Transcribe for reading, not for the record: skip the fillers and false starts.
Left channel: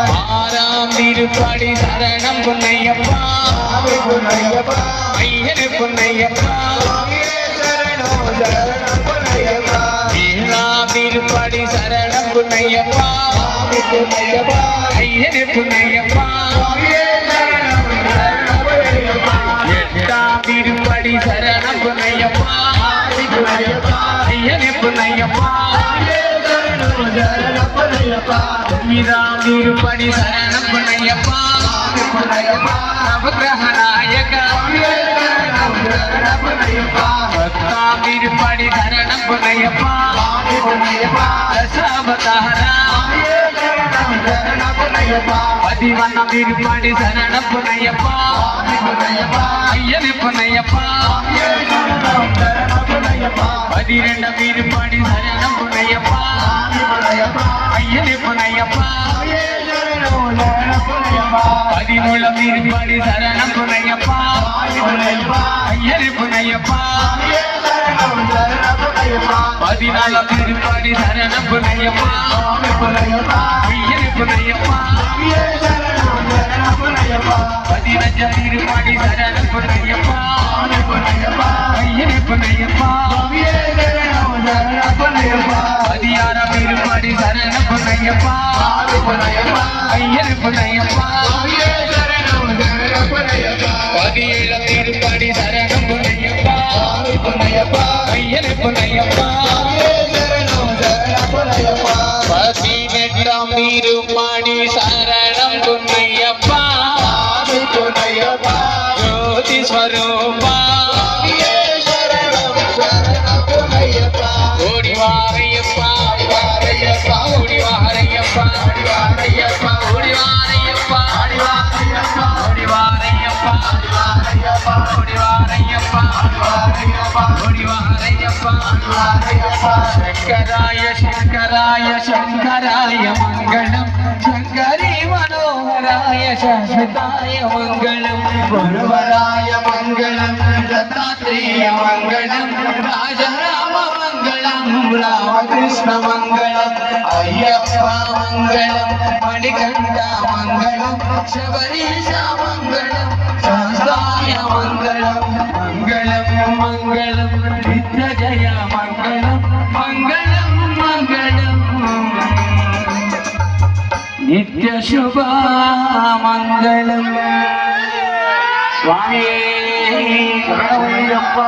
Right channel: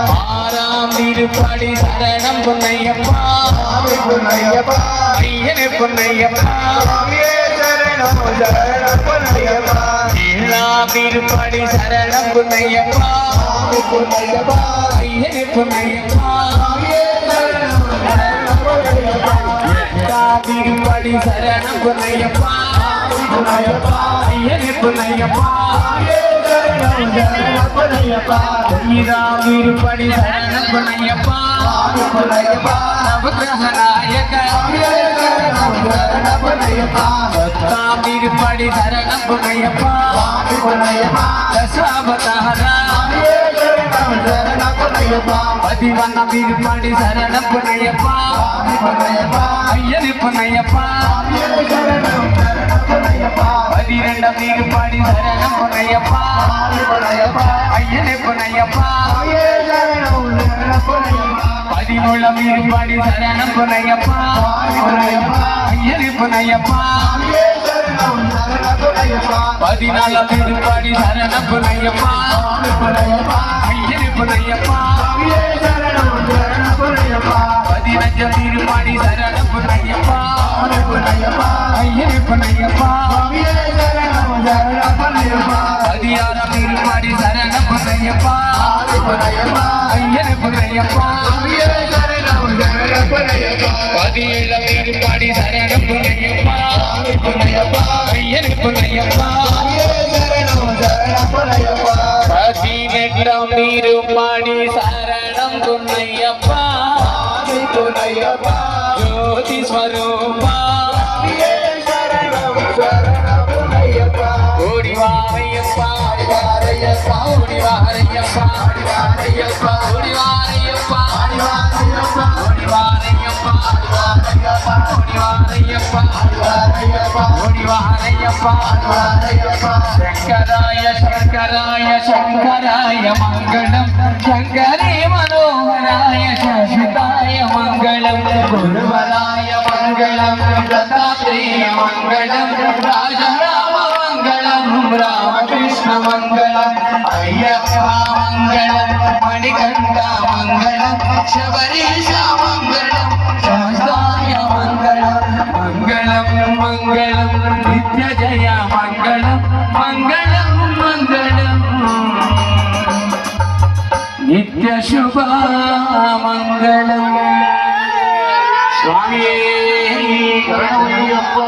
ஆறாம் திருப்படி சரணம் பொன்னையப்பா ஐயனே பொன்னையப்பா ஏழாம் திருப்படி சரணம் பொன்னையப்பா ஐயனே பொன்னையப்பா எட்டாம் திருப்படி சரணம் பொன்னையப்பா ஐயனே பொன்னையப்பா ஒன்பதாம் திருப்படி சரணம் பொன்னையப்பா நவக்கிரக நாயகா பத்தாம் திருப்படி சரணம் பொன்னையப்பா தசாவதாரா பதிவண்ணம் திருப்படி சரணம் பொன்னையப்பா ஐயனே பொன்னையப்பா பதிரெண்டாம் திருப்படி சரணம் பொன்னையப்பா ஐயனே பொன்னையப்பா பதிமூணாம் திருப்படி சரணம் பொன்னையப்பா ஐயனே பொன்னையப்பா பதினாலாம் திருப்படி சரணம் பொன்னையப்பா ஐயனே பொன்னையப்பா பதினஞ்சாம் திருப்படி சரணம் பொன்னையப்பா ஐயனே பொன்னையப்பா பதியாறாம் திருப்படி சரணம் பொன்னையப்பா ஐயனே பொன்னையப்பா பதினேழாம் திருப்படி சரணம் பொன்னையப்பா ஐயனே பொன்னையப்பா பதினெட்டாம் திருப்படி சரணம் பொன்னையப்பா ஜோதி ஸ்வரூபா ஓடி வாரையப்பா ஓடி வாரையப்பா ஓடி வாரையப்பா ஓடி வாரையப்பா ஓடி வாரையப்பா ஓடி வாரையப்பா சங்கராய சங்கராய சங்கராய மங்களம் சங்கரே மனோகராய சஸ்வதாய மங்களம் குருவராய மங்களம் தத்தாத்ரேய மங்களம் ராஜராம மங்களம் ராமகிருஷ்ண மங்களம் ஐயப்பா மங்களம் மணிகண்ட மங்களம் சபரீஷ மங்களம் சாஸ்தாய மங்களம் மங்களம் மங்களம் நித்ய ஜய மங்களம் மங்களம் மங்களம் நித்ய சுப மங்களம் சுவாமியே சரணமய்யப்பா.